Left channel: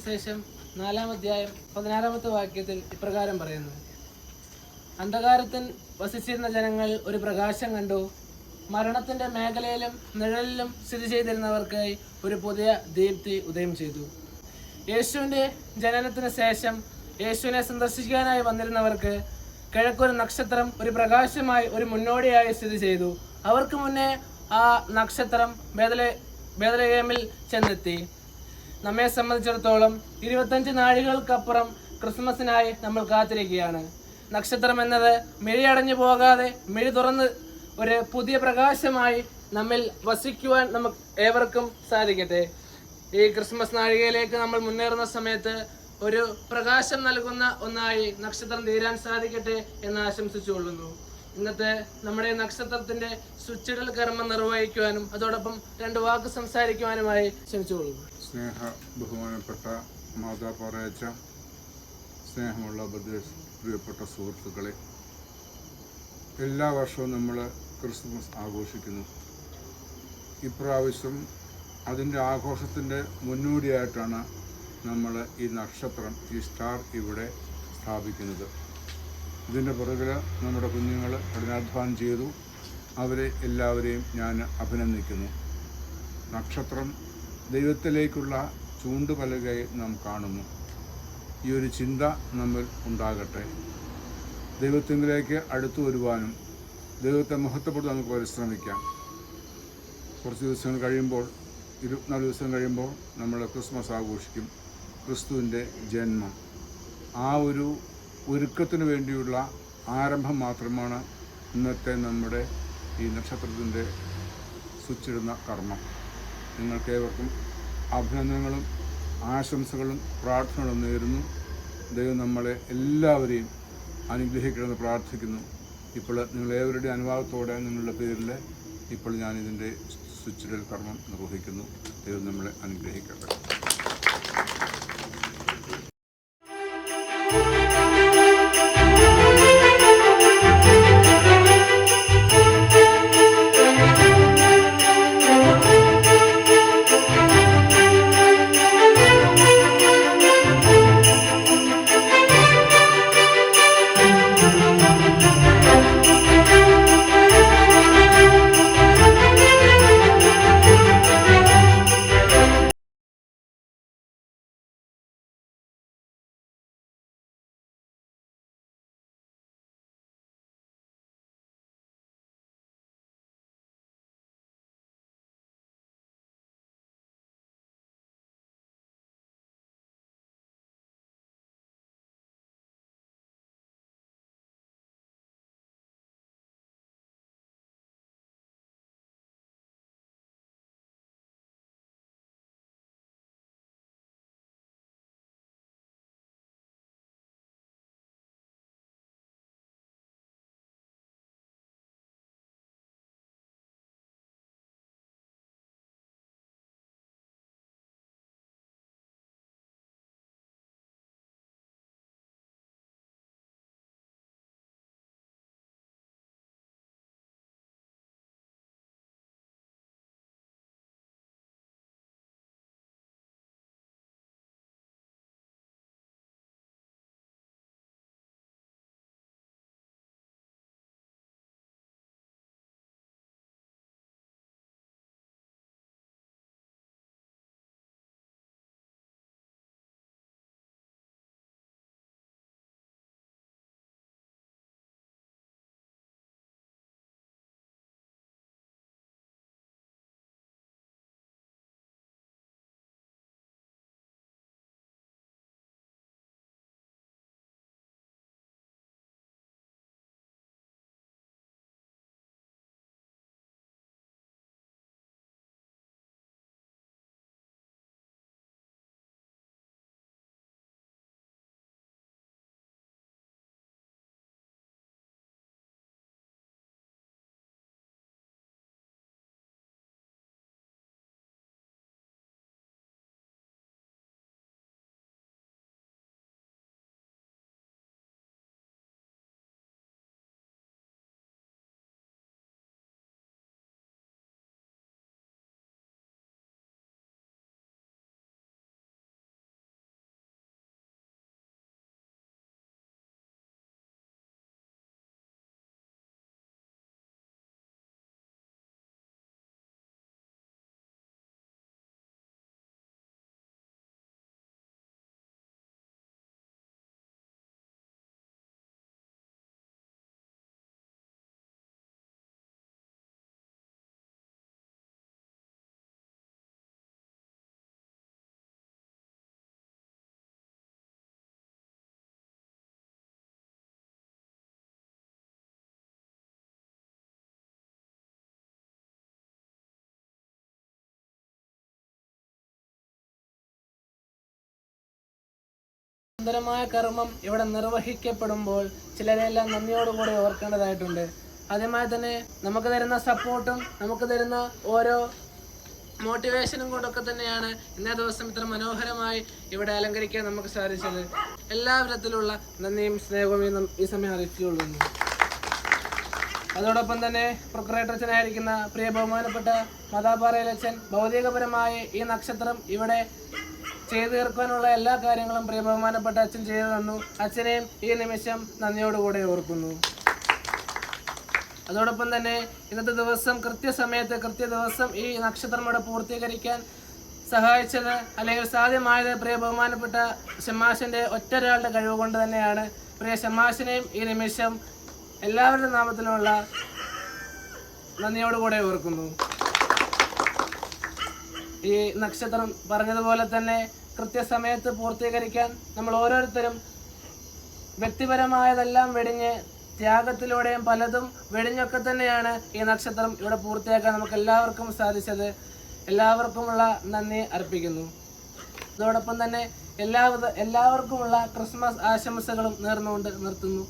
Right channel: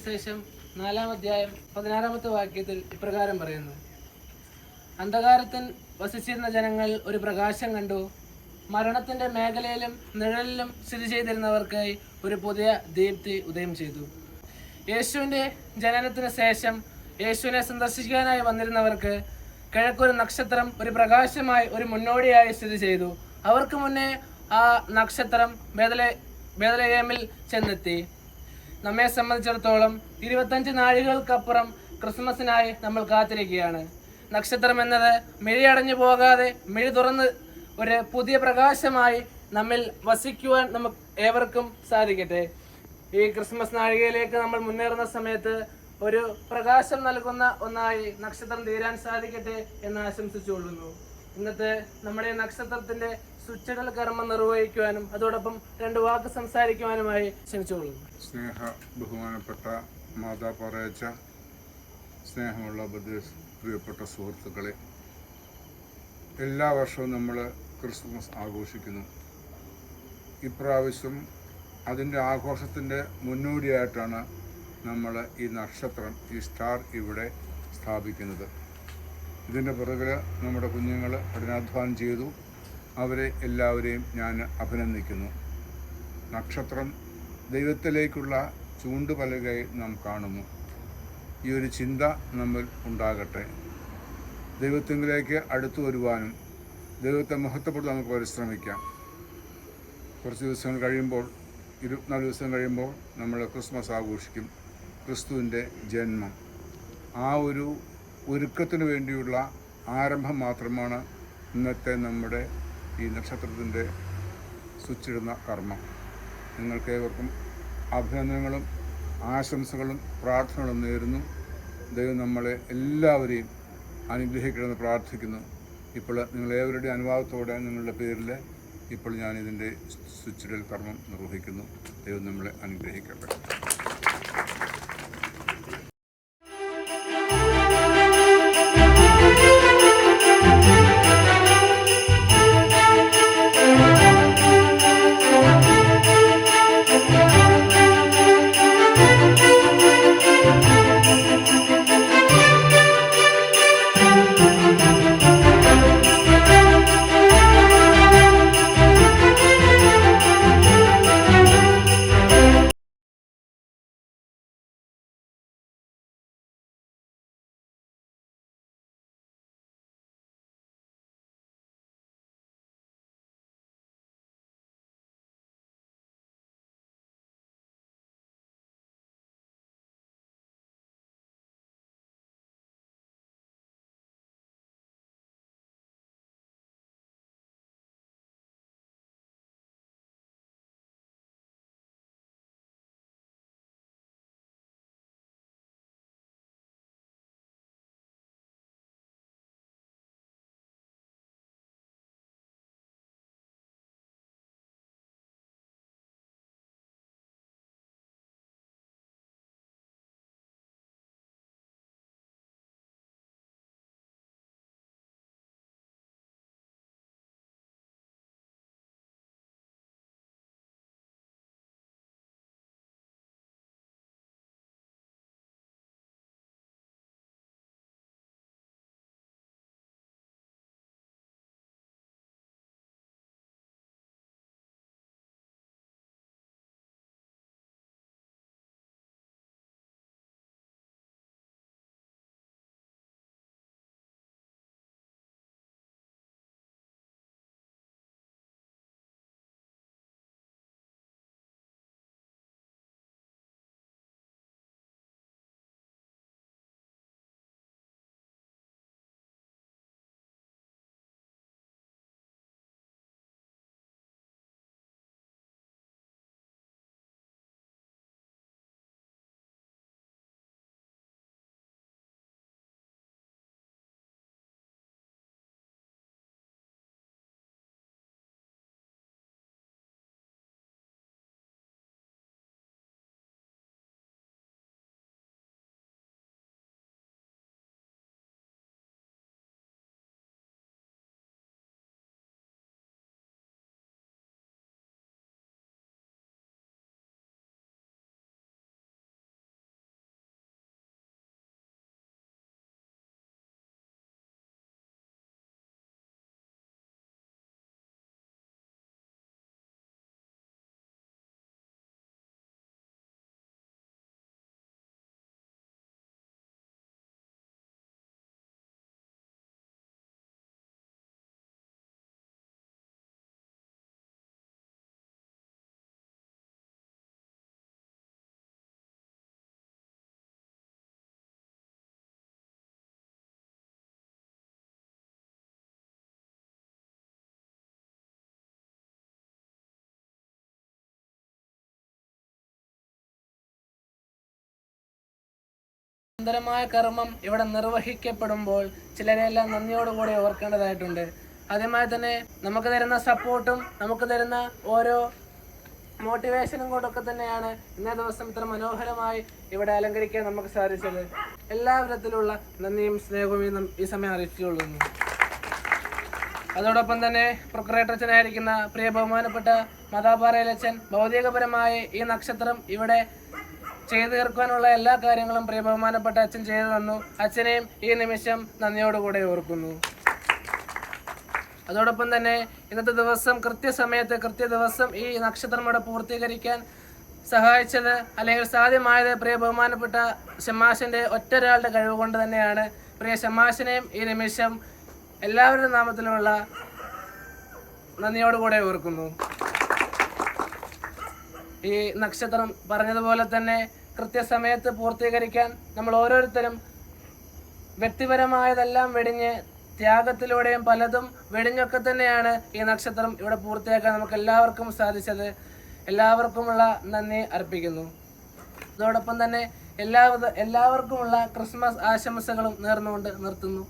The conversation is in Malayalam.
സുവിശേഷം നാലാം അധ്യായം പതിനാറാമത്തെ വാക്യത്തിൽ ഇപ്രകാരം പറയുന്നു. അന്ധകാരത്തിൽ വസിച്ചിരുന്ന ജനങ്ങൾ ഒരു പ്രകാശം കണ്ടു. മരണത്തിന്റെ മേഖലയിലും നിഴലിലും സ്ഥിതി ചെയ്തിരുന്നവർക്കായി ഒരു പുതിയ ദീപ്തി ഉദയം ചെയ്തു. യേശുവിന്റെ ജനനത്തിന് ശേഷം യേശുവിനെ സന്ദർശിക്കാനായി വന്നിരുന്നവർക്ക് കിഴക്കൊരു നക്ഷത്രം ഒരു പ്രകാശമായി ഒരു മുന്നോടിയായി സ്ഥിതി ചെയ്തു. അവർക്ക് മുന്നേ ആ നക്ഷത്രം ബേദലെ ബേദലയേമിൽ ചെന്നെത്തി. നമ്മെ സംബന്ധിച്ചിടത്തോളം ഇരുപത്തഞ്ച് നാഴികൾക്കപ്പുറം ക്രിസ്മസിനായി നമ്മൾ കാത്തിരിക്കുകയാണ്. നക്ഷത്രം എന്നത് മിഴി അടഞ്ഞു പോകാതെ മിഴി തുറന്ന് ഒരു പുതിയ പ്രകാശമായി നമ്മിൽ വസിക്കുവാൻ നമുക്ക് ഏവർക്കും സാധിക്കട്ടെ. ഈ ക്രിസ്മസ് നാഴികയിലേക്ക് നമ്മൾ മുന്നേറുന്ന സമയത്ത് ഒരു പ്രകാശം നൽകുന്ന ഒന്നായി നക്ഷത്രം തീരാൻ സാധിക്കട്ടെ എന്ന് ആശംസിച്ചുകൊള്ളുന്നു. ഇന്നത്തെ നമ്മുടെ നക്ഷത്രത്തിന്റെ സ്വിച്ചിടൽ കർമ്മം നിർവഹിക്കുവാനും അതോടൊപ്പം രണ്ട് വാക്ക് സംസാരിക്കുവാനുമായി ക്ഷണിച്ചുകൊള്ളുന്നു. സ്നേഹ ബഹുമാനപ്പെട്ട മാതാ പറയച്ച സ്നേഹമുള്ള പ്രിയപ്പെട്ട സുഹൃത്തുക്കളെ എല്ലാ വർഷവും നമ്മൾ ക്രിസ്മസ് ആഘോഷിക്കുന്നു. ഇപ്രാവശ്യം അതിന്റെ ആഘോഷത്തിന്റെ മുന്നോടിയായിട്ടാണ് നമ്മൾ ഈ നക്ഷത്രം ഈ സ്റ്റാർ ഇവിടെ സ്ഥാപിക്കുന്നത്. ഇതിന്റെ പുറകിൽ നമ്മുടെ കുഞ്ഞുങ്ങൾ കഠിനാധ്വാനം ചെയ്തു. അവരെ എല്ലാവരെയും ഞാൻ അഭിനന്ദിക്കുന്നു. നക്ഷത്രം ദൈവത്തിലേക്കുള്ള ചൂണ്ടുപലകയായി നാം കാണുന്നു. ഈ ഒരു ചിന്ത നമ്മൾ ഉണ്ടാകട്ടെ. ദൈവത്തിങ്കിലേക്ക് അടുത്തു വരുവാനും ദൈവത്തെ മഹത്വപ്പെടുത്താൻ നമുക്ക് പരിശ്രമിക്കാം. കുറച്ച് ദിവസങ്ങൾ കഴിയുമ്പോൾ ഇരുപത്തിനാല് ദിവസം കഴിയുമ്പോൾ നമ്മൾ ക്രിസ്മസ് ആഘോഷിക്കും. ക്രിസ്തുവിന്റെ ജന്മം. ആ ഒരു ഒരുക്കത്തിന് വേണ്ടിയുള്ള ആരംഭം മാത്രമാണ് ഇന്നത്തെ നമ്മുടെ ഈ നക്ഷത്രത്തിന്റെ സ്വിച്ചിടുന്ന കർമ്മം. നിങ്ങൾക്ക് ഏവർക്കും അഭിനന്ദനങ്ങളും ആശംസകളും പ്രാർത്ഥനകളും നേരുന്നു. ദൈവം നമ്മളെ എല്ലാവരെയും അനുഗ്രഹിക്കണമെന്ന് പ്രാർത്ഥിക്കുന്നു. ഇപ്പോൾ നിങ്ങളേവരുടെ അനുവാദത്തോടെ നിങ്ങളുടെ പേരിൽ ഇപ്പോൾ ഞാൻ ഇതിന്റെ സ്വിച്ചിടൽ കർമ്മം നിർവഹിക്കുന്നു. ദൈവം നമ്മളെ അനുഗ്രഹിക്കട്ടെ. സുന്ദരമായ കർമ്മം ഇവിടെ നിർവഹിക്കപ്പെടുമ്പോൾ ചിലരെല്ലാം നന്ദിയോടുകൂടി ഓർക്കേണ്ടതായിട്ടുണ്ട്. അതേമാതിരി തന്നെ നമുക്ക് തരുന്ന സപ്പോർട്ടും നമുക്ക് തരുന്ന ഓരോ മോട്ടിവേഷനും കൊണ്ടൊക്കെ തന്നെയാണ് ഇന്നേ ദിവസം ഇത്ര മനോഹരമായി ഇവിടെ അലങ്കരിക്കാൻ നമുക്ക് സാധിച്ചത്. എല്ലാ വിധത്തിലുള്ള നന്ദിയും സ്നേഹവും ഈ സമയം അറിയിച്ചുകൊള്ളുന്നു. അതോടൊപ്പം തന്നെ പ്രൊക്രേറ്ററച്ചനായിരിക്കുന്ന പ്രിയ ബഹുമാനപ്പെട്ട മതാപാറയിലച്ഛൻ ഭൗതികപരമായ ഈ നക്ഷത്രം ഇവിടെ ചെയ്തു തീർക്കാനുള്ള എല്ലാ കാര്യങ്ങളും പ്രിയ ബഹുമാനപ്പെട്ട അച്ഛൻ ചെയ്തു തന്നു. അച്ഛനെയും ഈ നിമിഷം നന്ദിയോടുകൂടെ ഓർക്കുന്നു. അതോടൊപ്പം തന്നെ ഇന്നത്തെ ദിവസം കൃത്യസമയത്ത് കൃത്യ ദിവസം ഈ നക്ഷത്രം ഇവിടെ പൂർത്തീകരിക്കാൻ സഹായിച്ചത് അല്ലെങ്കിൽ സാധ്യമായത് പ്രിയ ബഹുമാനപ്പെട്ട ഷമാഷിന്റെ ഒറ്റൊരാളുടെ കഴിവ് കൊണ്ട് തന്നെയാണ്. പ്രിയ ഷമാഷിനെയും ഈ നിമിഷം എല്ലാവരുടെ നാമത്തിലുള്ള നന്ദിയോടുകൂടെ ഓർക്കുന്നു. ഈ നക്ഷത്രം പറഞ്ഞതുപോലെ തന്നെ കൃത്യസമയത്ത് പൂർത്തീകരിക്കാൻ നമ്മൾ ഓരോരുത്തരും വ്യക്തിപരമായതെല്ലാം വെടിഞ്ഞ് ത്യാഗത്തിലൂടെയും പലതും വെടിഞ്ഞൊക്കെ തന്നെയാണ് ഈ നക്ഷത്രം ഇവിടെ പൂർത്തിയാക്കാൻ നമുക്ക് എല്ലാവർക്കും സാധിച്ചത്. എല്ലാവർക്കുമുള്ള നന്ദി അർപ്പിക്കുന്നു. അതോടൊപ്പം തന്നെ എല്ലാവിധ എല്ലാവർക്കുമുള്ള ക്രിസ്മസ് ആശംസകളും നേർന്നുകൊണ്ട് നിർത്തുന്നു.